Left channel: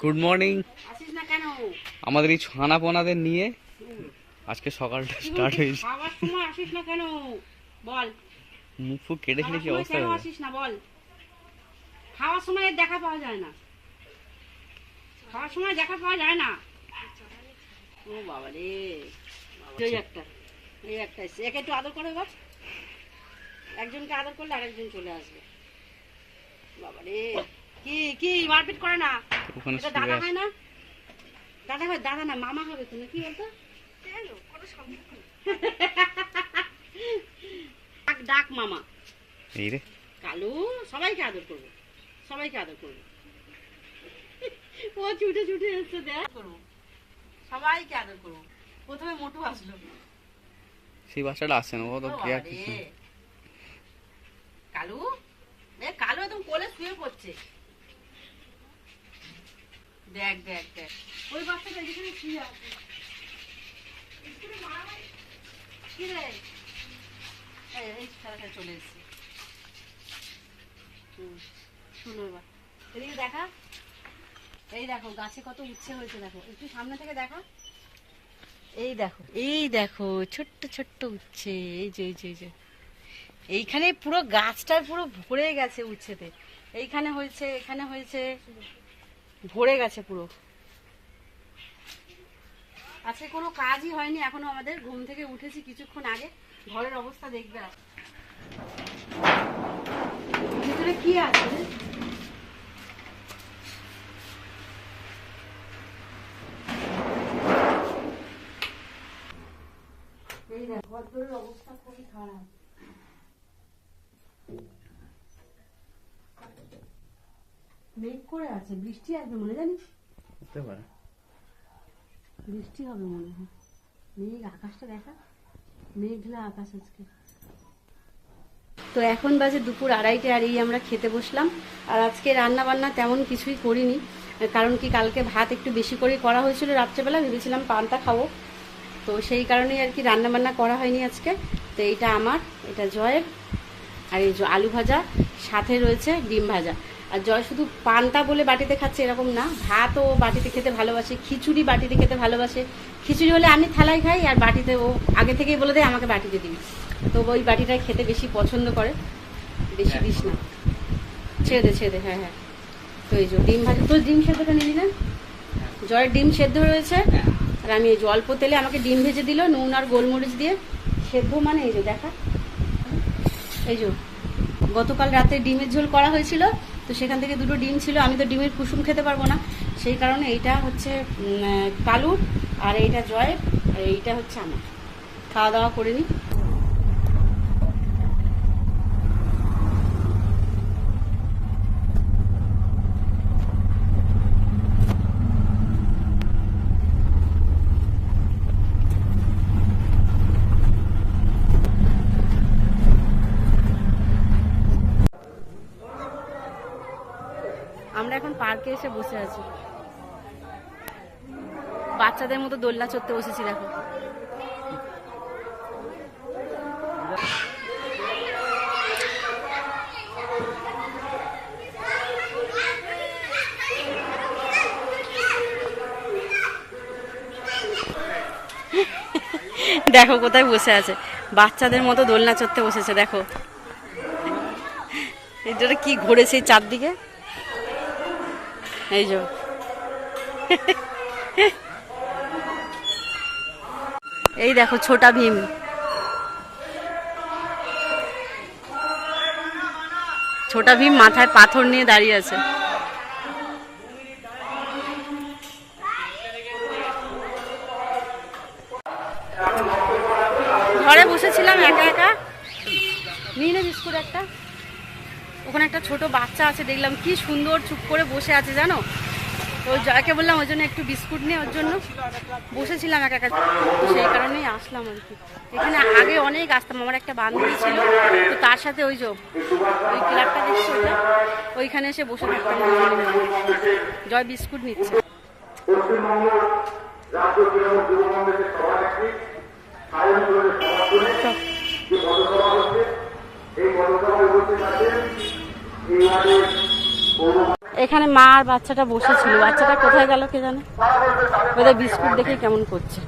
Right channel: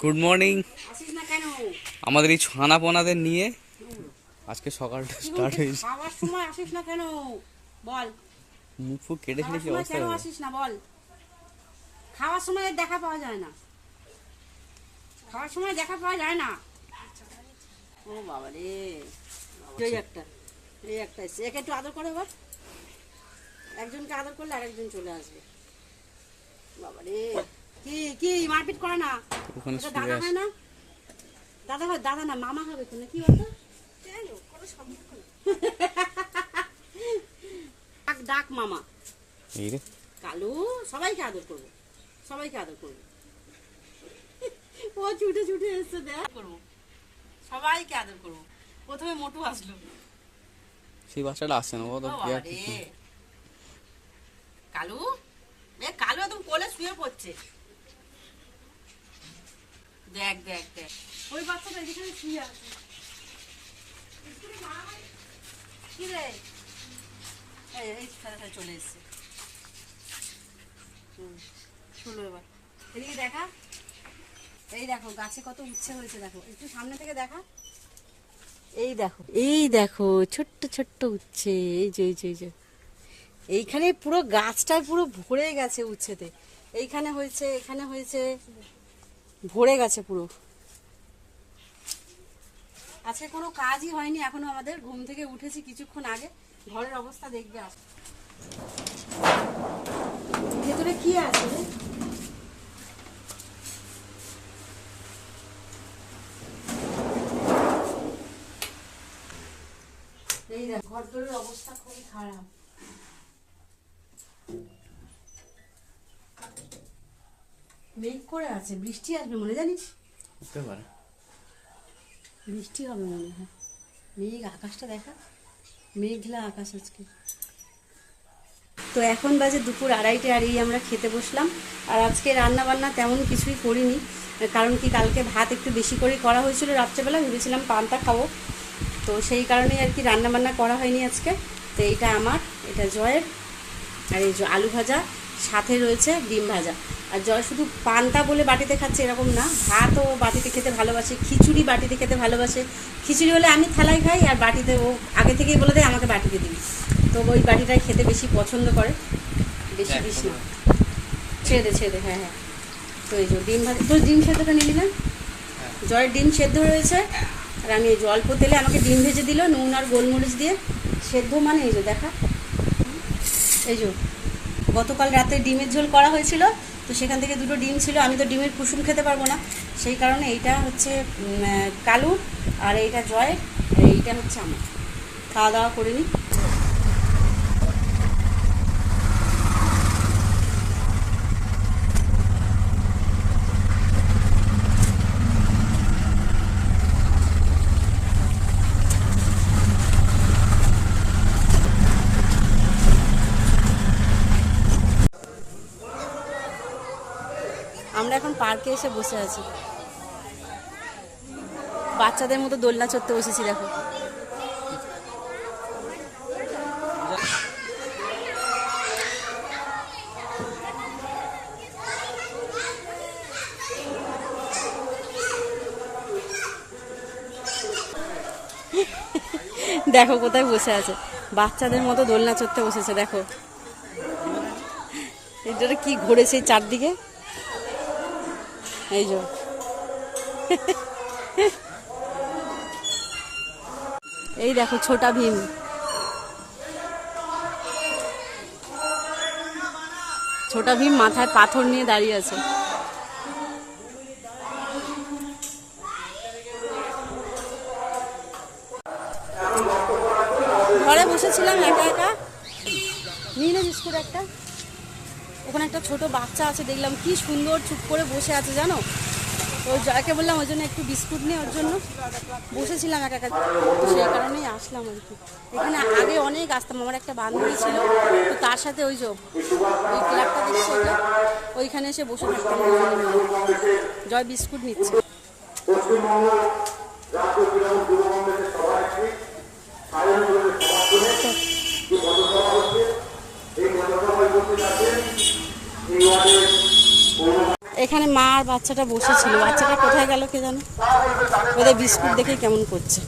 Good morning. আসিস না কেন? আমাদের এই ছানা পোনাদের নিয়ে আজকে সকালটা স্টার্ট হয়েছে। খাওয়ার সময় আসিস না কেন বল? মুখ ফুক কেটে খেলে কি অবস্থা কেন হবে? আসিস না বল? খাওয়ার সময় এর দেখা পাওয়া যায় না, খাওয়ার সময় দেখা পাওয়া যায় না। ও বাবা রে, এই একটা এসছে। একে একটু আদর করো এবার। একজনকে আদর করলে আরেকজন চলে আসবে। বাবা রে, কি কি মারপিট করে না? ওখানে এটা শুয়ে দাদা আছে। হয় না? দাদা হয়? দাদা না, মামা হবে তো, কি হতো? ডাক ডাক মামা। এই রে কালু, সবাইকে আদর করবো, সবাইকে আদর করবো। ও ছুটে ছুটে এসছে, দেখ করবো, সবাইকে আদর করবো। প্রথমে মোটু আসলো। সেই বাচ্চাটা আসছে না, ও তো ও কেয়ার বাবারে। কিছু। কালু, কালু একদম কোলে শুয়ে পড়ছে। দেখ দেখ দেখ, ওই বাচ্চাটা যেখানে শুয়ে আছে। কি রে, এই খেলাটা চলে এসছে। শুনো এবার, এদিকে দেখা। এই দেখো গাছে কত উচ্ছে হয়েছে, দেখো একটু সামনে থেকে দেখা। এই দেখো, এই দেখো ছোট্ট ছোট্ট উচ্ছে। এই যে এই যে এই যে এইখানে পুরো গাছটা পুরো ভরে গেছে উচ্ছেতে। এইখানে হয়েছে, এখানে হয়েছে, ভরে গেছে পুরো। আজকে কোনো কাজই হয়নি এখনো আমাদের। ঘুম থেকে উঠেছি কিছুক্ষণ আগে। ঘরের অবস্থা দেখবে। ভেতরে কি আছে? এই দেখ, ঘরদোরের অবস্থা খুবই খারাপ। মেঘ করে আছে, বৃষ্টি আসবে মনে, জানিস? হতে পারে বৃষ্টি হবে মনে হয়। মেঘ, আকাশটা দেখা, মেঘলা আকাশ আজকে। তো এখন বাজে দুপুর 2:30, আর এই আমরা খেতে বসলাম। আর আজকে রান্না বান্না তেমন কিছুই করিনি, কারণ কি কালকে ভাত একটু বেশি করে করা হয়েছিল রাত্রেবেলা, ভেবেছিলাম পান্তা খাবো, তো সেই কারণেই আর কি রান্না বান্না করা হয়নি আজকে। তো এইটা আমার, এটা জয়ের, আর এই যে আলু ভাজা, সাথে রয়েছে ডিম ভাজা। আর জয় শুধু পান্তা বলে বাটিতে খাচ্ছে এরকম না, ভাতও বাটিতে খেতে ভালোবাসে, খিচুড়ি বাটিতে খেতে ভালোবাসে। খিচুড়ি হলে আমি থালায় খাই, আর বাটিতে ও আগে থেকেই বলে দেয় আমাকে বাটিতে দিবি, তো ওই বাটিটাই খেতে বেশি পছন্দ করে। বেশি দিস না, ছেড়ে দে। হ্যাঁ হ্যাঁ, তো এই যে ডিম ভাজা। তোর ডিম সেদ্ধটা নিলি না? জয়ের ডিম সেদ্ধ রয়েছে, আর আমি এই যে অল্প তেলে আমাকে ডিম ভেজে দিল নুন আর গোলমরিচ দিয়ে সেদ্ধ। মানে এই যে দেখা, এই যে গতকাল রাতে ডিমের ঝোল করা হয়েছিল, তো সেখান থেকে 2টো ডিম ছিল। আমি তো ডিমের কুসুম খেতে পারবো না, সেই কারণে এইটা হচ্ছে কালুর, আর এইটা জয়ের, আর এইটা হচ্ছে আমার। খাওয়া দাওয়া করে নিই। আমরা এখন পার্কে এসে বসে আছি, বাচ্চাদের মতো দোলনা চড়তে বসেছি। দেখো, দেখো কোথায় বসে আছে, বাচ্চাদের মতো দোলনা চড়তে বসেছে। দেখো এটা কি ঘুরেছে চারদিকে, এই যে এই দেখো ছোটা ভীম। ছোটা ভীম মাথায় পাথর নিয়ে দাঁড়িয়ে আছে। ঘরে বসেছিলাম একা একা, নিয়ে নে বিস্কুট একটা। ওখানে একটা ছোট বাচ্চা আছে, দেখলাম কি সুন্দর চুপ করে বসে আছে জানো, তো জয়কে বললাম ওর জন্য একটু বিস্কুট নিয়ে, ওর জন্য বসেছিলাম একা একা, তো সেই কারণেই আসলাম আর কি। এখানে আগে অনেক আসতাম, আমার একটা বান্ধবী ছিল, তো তার সাথে ওই যে ওই ক্লাবটা দেখছি ওটা, ওইখানে এসে বসে থাকতাম। জয় বিস্কুট নিচ্ছে। এখানে মা আর বাচ্চাটা বসেছিল, বাচ্চাটা কোথায় গেল কে জানে, ওদের বিস্কুট দেখে কেমন করছে।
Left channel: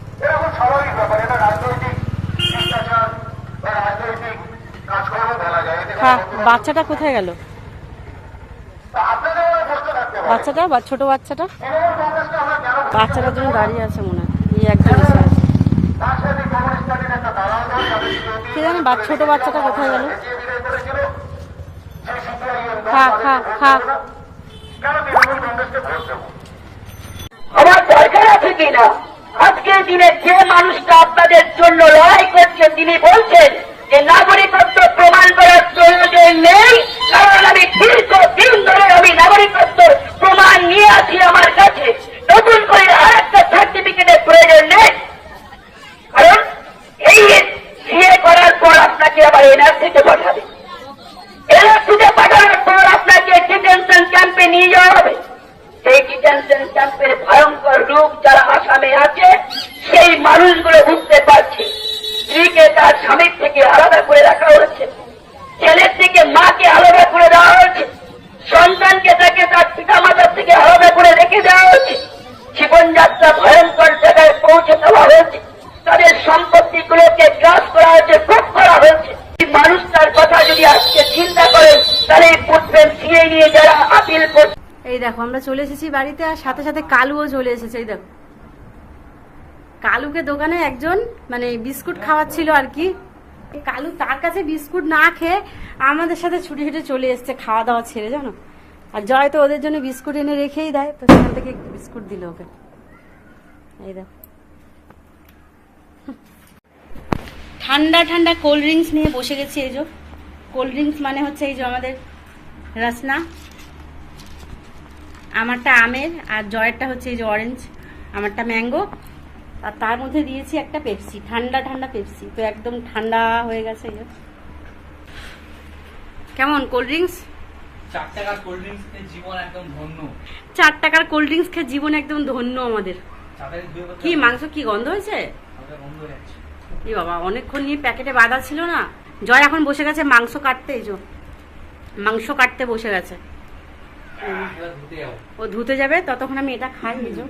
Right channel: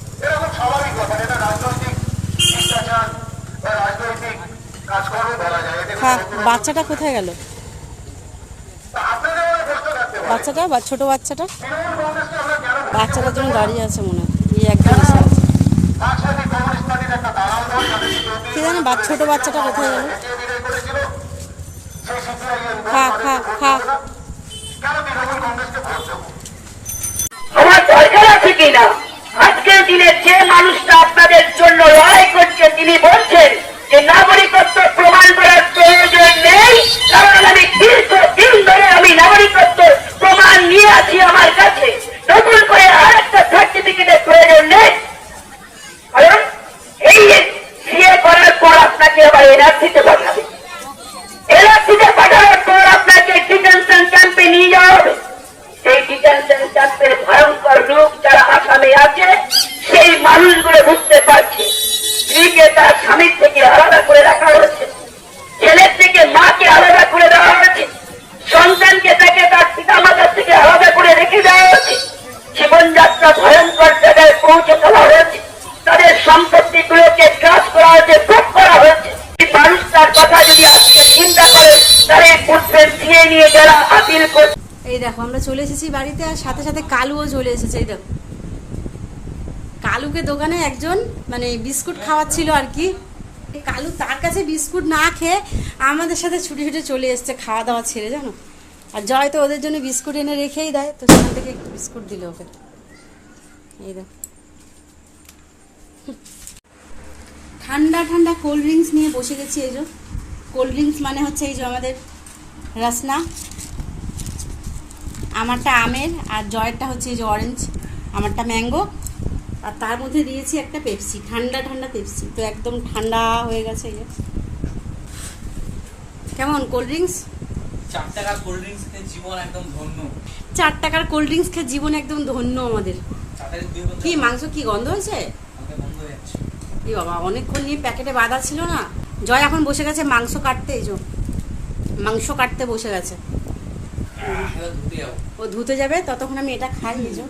হ্যাঁ, বাচ্চাটা কোথায় গেল, বাচ্চাটা বা ছোট বাচ্চাটা, বাচ্চাটার জন্য দাঁড়িয়ে আছে মনে হয়, এই একদম এসে আছে কে জানে, ছোট বাচ্চাটা কোথায় গেল। খা খা খা। আমার দরকার আছে কিনা আজকের দিনে যে মানুষটা আপনাদের জন্য লড়াই করছে তিনি বলছেন যে নাগরিকত্ব প্রমাণ করার প্রয়োজন নেই, কারণ আমি দীর্ঘদিন ধরে আমি নাগরিকত্ব প্রমাণ নিয়ে আছি আমার কাছে, নতুন করে আর একটা সার্টিফিকেটের প্রয়োজন নেই। কারণ এই বিয়ে করার পর আপনাকে আবার এনআরসিতে পাঠাবে, এনআরসিতে পাঠানোর পর আপনাকে ডিটেনশন ক্যাম্পে নিয়ে যাওয়া হবে। সেই ডিটেনশন ক্যাম্পের ভয়ঙ্কর রূপ যারা আসামে আছে সেই মানুষগুলো বুঝতে পারছে, স্ত্রীকে তার স্বামীর থেকে আলাদা করে রাখা হয়েছে, ছেলের থেকে মাকে আলাদা করে দেওয়া হয়েছে, সন্তানকে তাকে তার পিতা মাতার থেকে আলাদা করে রেখে দেওয়া হয়েছে, জীবনযাত্রা ভয়ঙ্কর জায়গায় পৌঁছে দেওয়া হয়েছে, তাদের সম্পত্তিগুলোকে কাজ করা হয়েছে, ভোগ করা হয়েছে। মানুষ তার কথা যদি আজকে চিন্তা করে তাহলে পুত্রের দিয়ে নিয়ে যারা আপিল করছে। এই দেখো আমরা চলে এসেছি বাড়িতে, আর সাথে সাথে কালুও চলে এসেছে। এই দেখো কালুকে দোকানে একজন মানে বিস্কুট খাওয়াচ্ছিল আর কি, কালু তার কাছে বিস্কুট না খেয়ে আমাদের সাথে ছুটে ছুটে চলে এসছে খাওয়া দাওয়া ছেড়ে, জানো। আর জয় তো ওদের জন্য বিস্কুট এনে রেখেই দেয়, তো সেখান থেকে একটু বিস্কুট দিল ওকে। এই দেখো ঠান্ডা ঠান্ডা কোল্ড ড্রিঙ্কস নিয়ে বসে গেছি। এই যে কোল্ড ড্রিঙ্কস মানে হচ্ছে এই যে আমাদের রসনা, আমারটা আমের আর জয়েরটা হচ্ছে এই যে অরেঞ্জ, আমারটা ম্যাঙ্গো, আর তার মধ্যে দিয়েছি একটা পেপসি, ঠান্ডা ঠান্ডা পেপসি, তো একদম ঠান্ডা হয়ে গেছে। কেমন কোল্ড ড্রিঙ্কস? 4 টাকার কোল্ড ড্রিঙ্কস খেয়ে জীবন একদম ধন্য। 4 টাকার কোল্ড ড্রিঙ্কস খেয়ে জীবন একদম ধন্য আমাদের। কি মাংস কি গন্ধ হয়েছে? কি বাবা, অনেকক্ষণ নিয়ে প্যাকেটে বাঁধা ছিল না। জয় এখন বসে গেছে মাংস কাটতে, এই যে মাংস কাটতে বসে গেছে, ও ধুতে যাবে, ততক্ষণ আমি এটা খাই। এই যে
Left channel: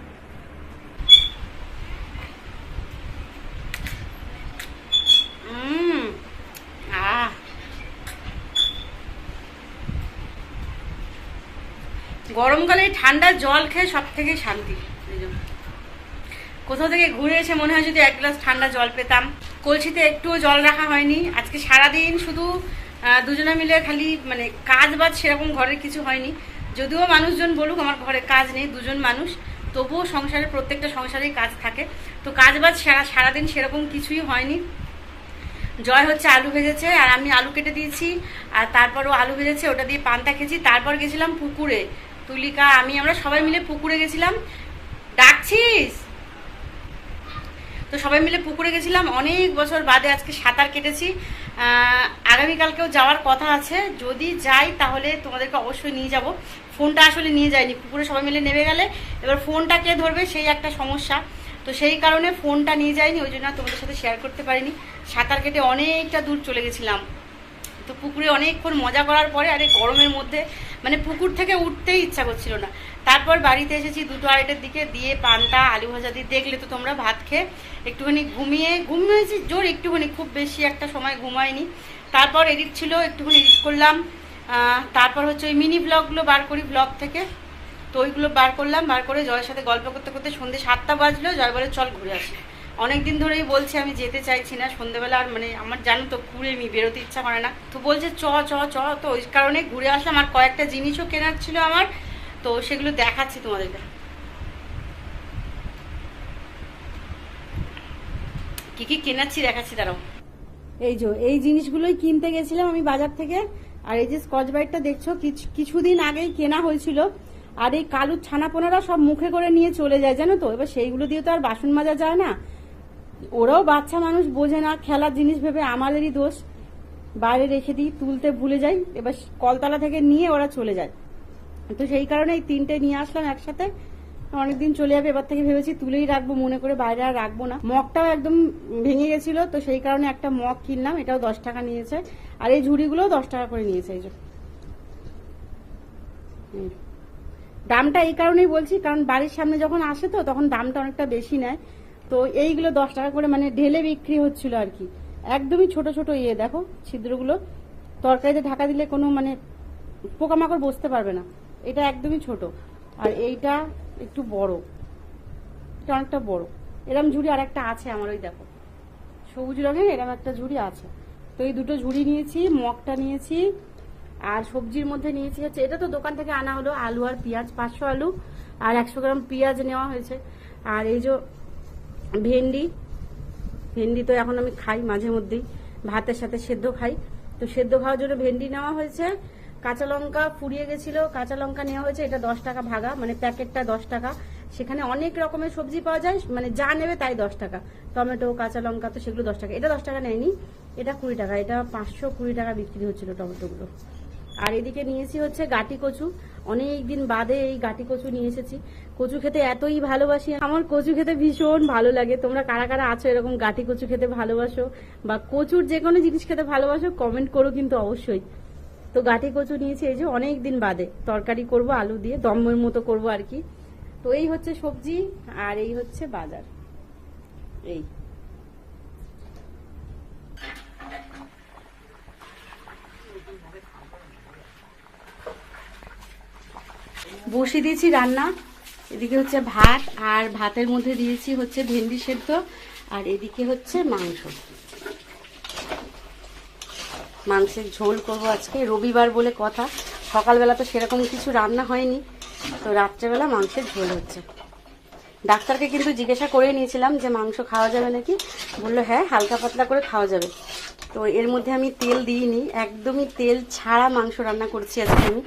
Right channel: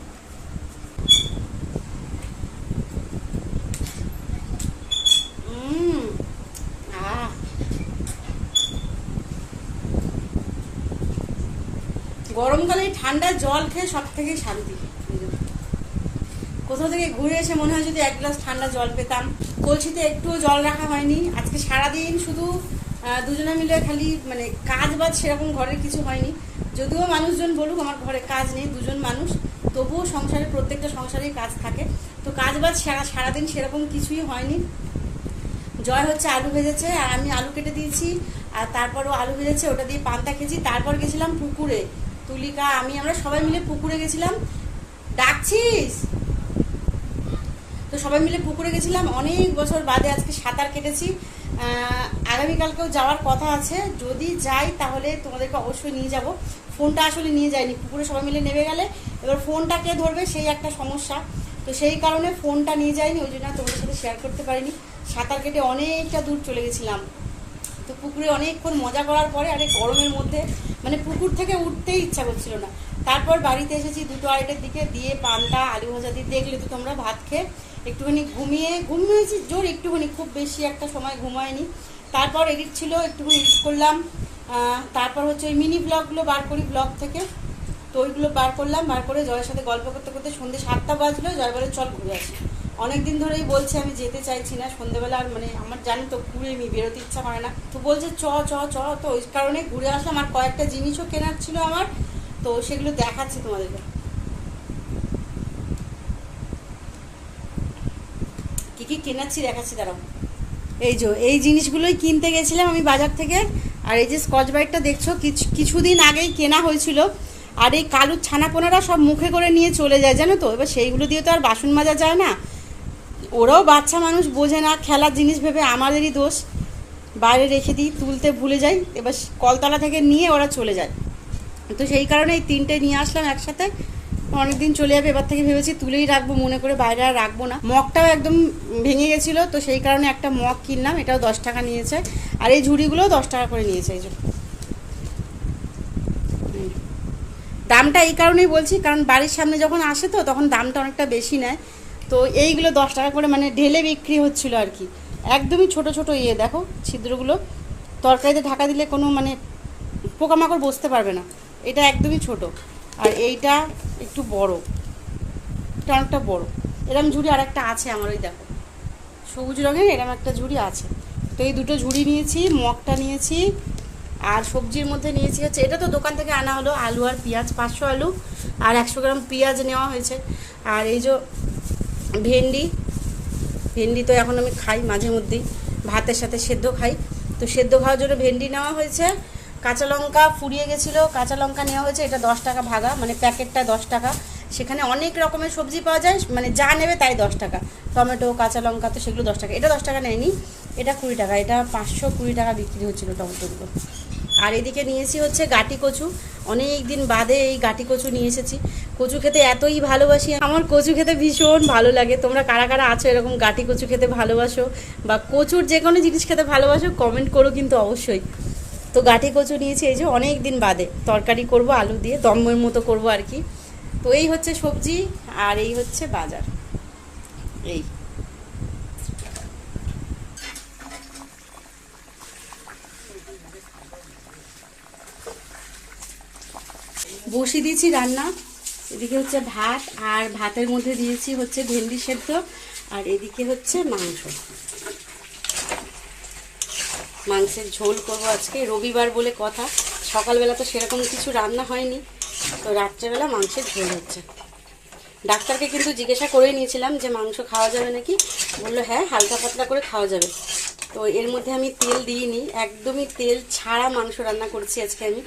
গরমকালে ঠান্ডা জল খেয়ে সব থেকে শান্তি। কোথাও থেকে ঘুরে এসে মনে হয় যদি 1 গ্লাস ঠান্ডা জল পেতাম। কলসিতে একটুও জল রাখা হয়নি আজকে সারাদিন, শুধু দুজনে মিলে খালি মানে কাজ বাজ সেরকম ঘরের কিছু হয়নি। যদিও মানুষজন বলুক আমার ঘরে কাজ নেই, দুজন মানুষ, তবুও সংসারের প্রত্যেকটা সংসারেই কাজ থাকে, তো কাজ বাজ সারাদিন সেরকম কিছুই হয়নি। জয় হচ্ছে আলু ভেজেছে আর আমি আলু কেটে দিয়েছি, আর তারপরও আলু ভেজেছে, ওটা দিয়ে পান্তা খেয়েছি। তারপর গেছিলাম পুকুরে, তুলিকা আমরা সবাই মিলে পুকুরে গেছিলাম। ডাকছিস? তো সবাই মিলে পুকুরে গেছিলাম, অনেক বছর বাদে আজকে সাঁতার কেটেছি। আগামীকালকেও যাওয়ার কথা আছে, যদি যাই তাহলে তোমাদেরকে অবশ্যই নিয়ে যাব। ফোনটা আসলে নিয়ে যাইনি, পুকুরে সবাই মিলে নেমে গেলে এবার ফোনটা কে ধরবে সেই একটা সমস্যা, তো সেই কারণে ফোনটা নিয়ে যাইনি, ওই জন্য তোমাদের সাথে শেয়ার করতে পারিনি। সাঁতার কেটে অনেকটা দূর চলে গেছিলাম, তো পুকুরে অনেকক্ষণ মজা করার পরে আরে গরমের মধ্যে মানে পুকুর থেকে উঠতেই ইচ্ছা করছিল না। তারপর বাড়িতে এসেছি 2-2:30টার দিকে, দিয়ে পান্তা আলু ভাজা দিয়ে দেখলে তো তোমরা, ভাত খেয়ে একটুখানি ঘুমিয়েছি জোর, একটুখানি, খুব বেশি একটা সময় ঘুমায়নি। তারপর এডিট ছিল, একটুখানি এডিট করলাম। তারপর হচ্ছে ওই মিনি ব্লগগুলো বার করি ব্লগ থেকে, তো ওইগুলো বার করলাম, বার করে জয়ের সাথে গল্প করতে করতে সন্ধ্যে 7টা বাজলো। জয় বলে চল ঘুরে আসি, অনেকদিন ধরেই বলছে আমি যেতে চাইছি না সন্ধ্যেবেলা, আর মানে আমার জানো তো ঘুরে বেরোতে ইচ্ছা করে না, তো বলছে চ চ চ, তো ওই কারণে ঘুরে আসলাম। আর কয়েকটা জিনিসও কেনার ছিল আমার, তো সেগুলো দেখাচ্ছি তোমাদেরকে। কি কি কেনাচ্ছি দেখাচ্ছি, দাঁড়াও। এই যে এই জিনিসগুলোই কিনতে গেছিলাম আমি বাজার থেকে। আর এই যে স্কচ ব্রাইটটা দেখছো, কিছুদিন আগেই কেনা হয়েছিল। আর এই কালুর ছানাপোনারা সব মুখে করে নিয়ে চলে যায়, জানো তো, এবার সেইগুলো দিয়ে তো আর বাসন মাজা যায় না। ওরাও বাচ্চা মানুষ, বোঝে না, খেলার জিনিস ভেবে আমাদেরই দোষ, বাইরে রেখে দিই, তুলতে ভুলে যাই, এবার কলতলা থেকে নিয়ে ওরা চলে যায়। তো সেই কারণে এই 3টে নিয়ে আসলাম একসাথে, অনেকদিন চলে যাবে, এবার থেকে ভেবেছি তুলেই রাখবো মনে করে, বাইরে আর রাখবো না। মগটাও একদম ভেঙে গেছিলো, তো সেই কারণে একটা মগ কিনলাম, এটাও 10 টাকা নিয়েছে। আর এই ঝুড়িগুলোও 10 টাকা করে নিয়েছে। এই যে দামটা এই কারণেই বলছি, কারণ বাড়ির সামনে যখন আসে তো তখন দামটা অনেকটা বেশি নেয়। তো এইগুলো 10 টাকা করে মানে ঢেলে বিক্রি হচ্ছিল আর কি। একদমই ছোট ছোট দেখো ছিদ্রগুলো, তরকারিতে ঢাকা দিলে কোনো মানে পোকামাকড় বসতে পারবে না। এটা একদমই ছোট, আর এইটা একটু বড়, এটা অনেকটা বড়। এরম ঝুড়ি আর একটা আছে আমার, ওই দেখো সবুজ রঙের এরম একটা ঝুড়ি আছে। তো এই দুটো ঝুড়ি নিয়েছি, মগটা নিয়েছি, আর সবজির মধ্যে নিয়েছি হচ্ছে, এটা তো দোকান থেকে আনা হলো, আলু আর পেঁয়াজ, 500 আলু আর 100 গ্রাম পেঁয়াজ নেওয়া হয়েছে। আর এই যে ভেন্ডি তো এখন আমি খাই মাঝে মধ্যেই, ভাতের সাথে সেদ্ধ খাই, তো সেদ্ধ খাওয়ার জন্য ভেন্ডি নেওয়া হয়েছে। কাঁচা লঙ্কা ফুরিয়ে গেছিলো, কাঁচা লঙ্কা নেওয়া হয়েছে, এটা 10 টাকা ভাগা, মানে প্যাকেটটা 10 টাকা। সেখানে অনেক রকমের সবজি পাওয়া যায়, মানে যা নেবে তাই 10 টাকা। টমেটো, কাঁচা লঙ্কা, তো সেগুলো 10 টাকা। এটা 10 টাকা নেয়নি, এটা 20 টাকা, এটা 520 টাকা বিক্রি হচ্ছিলো টমেটোগুলো। আর এদিকে নিয়েছি হচ্ছে গাটি কচু, অনেক দিন বাদে এই গাটি কচু নিয়ে এসেছি। কচু খেতে এতই ভালোবাসি, আমার কচু খেতে ভীষণ ভালো লাগে। তোমরা কারা কারা আছো এরকম গাটি কচু খেতে ভালোবাসো, বা কচুর যে কোনো জিনিস খেতে ভালোবাসো, কমেন্ট করো কিন্তু অবশ্যই। তো গাটি কচু নিয়েছি, এই যে অনেক দিন বাদে তরকারি করব আলু দিয়ে, দমের মতো করব আর কি। তো এই হচ্ছে সবজি, আর এই হচ্ছে বাজার। এই বসিয়ে দিয়েছি রান্না। এদিকে হচ্ছে ভাত, আর ভাতের মধ্যে দিয়েছি হচ্ছে ভেন্ডি সেদ্ধ, আর এদিকে হচ্ছে মাংসের ঝোল করব আজকে, রবিবার বলে কথা। সকালবেলা তো সেরকম কিছু রান্না হয়নি, তো রাত্রেবেলা মাংসের ঝোল হচ্ছে। ডাক্তারকে কিন্তু জিজ্ঞাসা করে নিয়েছিলাম যে মাংস খাওয়া যাবে নাকি, বললো হ্যাঁ হালকা পাতলা করে খাওয়া যাবে। তো এর মধ্যে আমি তেল দিইনি, একদমই তেল ছাড়া মাংস রান্না করছি আজকে আমি।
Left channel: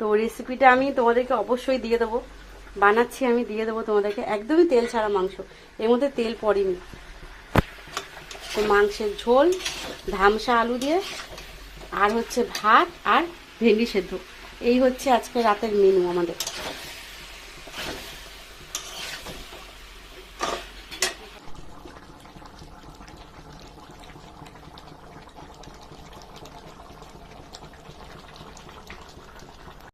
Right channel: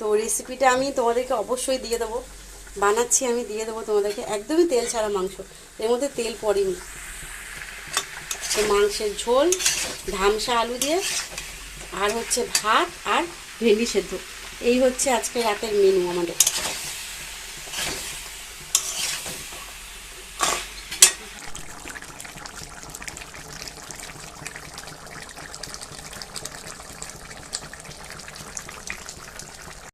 তো রেসিপিটা আমি তোমাদেরকে অবশ্যই দিয়ে দেবো, বানাচ্ছি আমি, দিয়ে দেবো তোমাদেরকে। একদমই তেল ছাড়া মাংস, এর মধ্যে তেল পড়েনি। তো মাংসের ঝোল, ধামসা আলু দিয়ে, আর হচ্ছে ভাত আর ভেন্ডি সেদ্ধ, এই হচ্ছে আজকে রাতের মেনু আমাদের।